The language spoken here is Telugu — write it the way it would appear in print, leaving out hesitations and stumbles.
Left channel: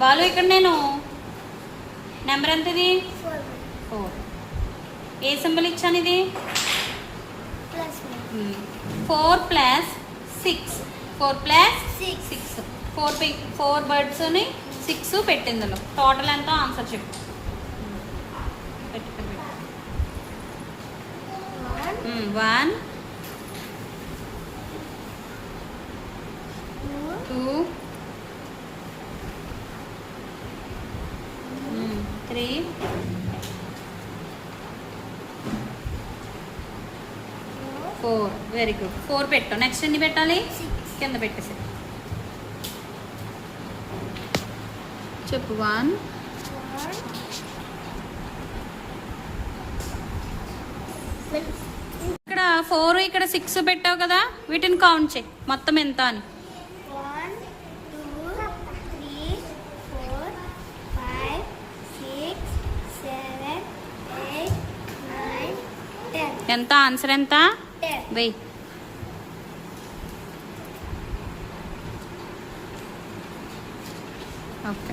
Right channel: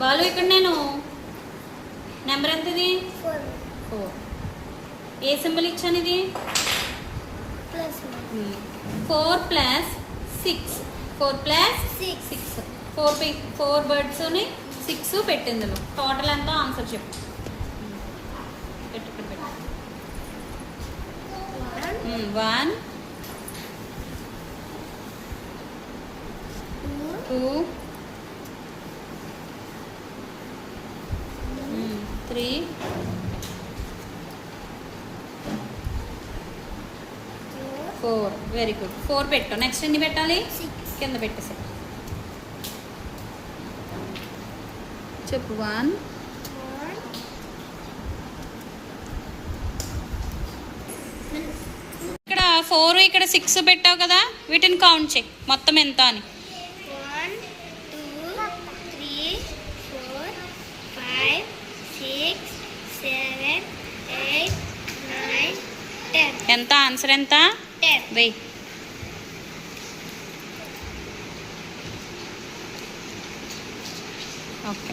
బాలు ఇక్కడ నేను నెంబర్ ఎంత ఇది 4. ఏ సింబల్ ఇచ్చాను ఇది 4 ప్లస్ 6. 4 ప్లస్ 6. 4 బర్డ్స్ని 6 పెట్టింది ఇందులో. టోటల్ ఎంతో ఆన్సర్ చెప్పు. 1 2 3 4. Very good. 4 పెట్టు. నెక్స్ట్ ఎన్ని పెట్టాలి? 6 కింద పెట్టేసి చెప్పు. 1 ఇక్కడ 4 ఇక్కడ 6 పెట్టావు కదా, వీటిని కౌంట్ చేయి మొత్తం ఎంత అని. 1 2 3 4 5 6 7 8 9 10. ఎంత ఆన్సర్ ఎంత? 10. వెయ్యి. ఓకే.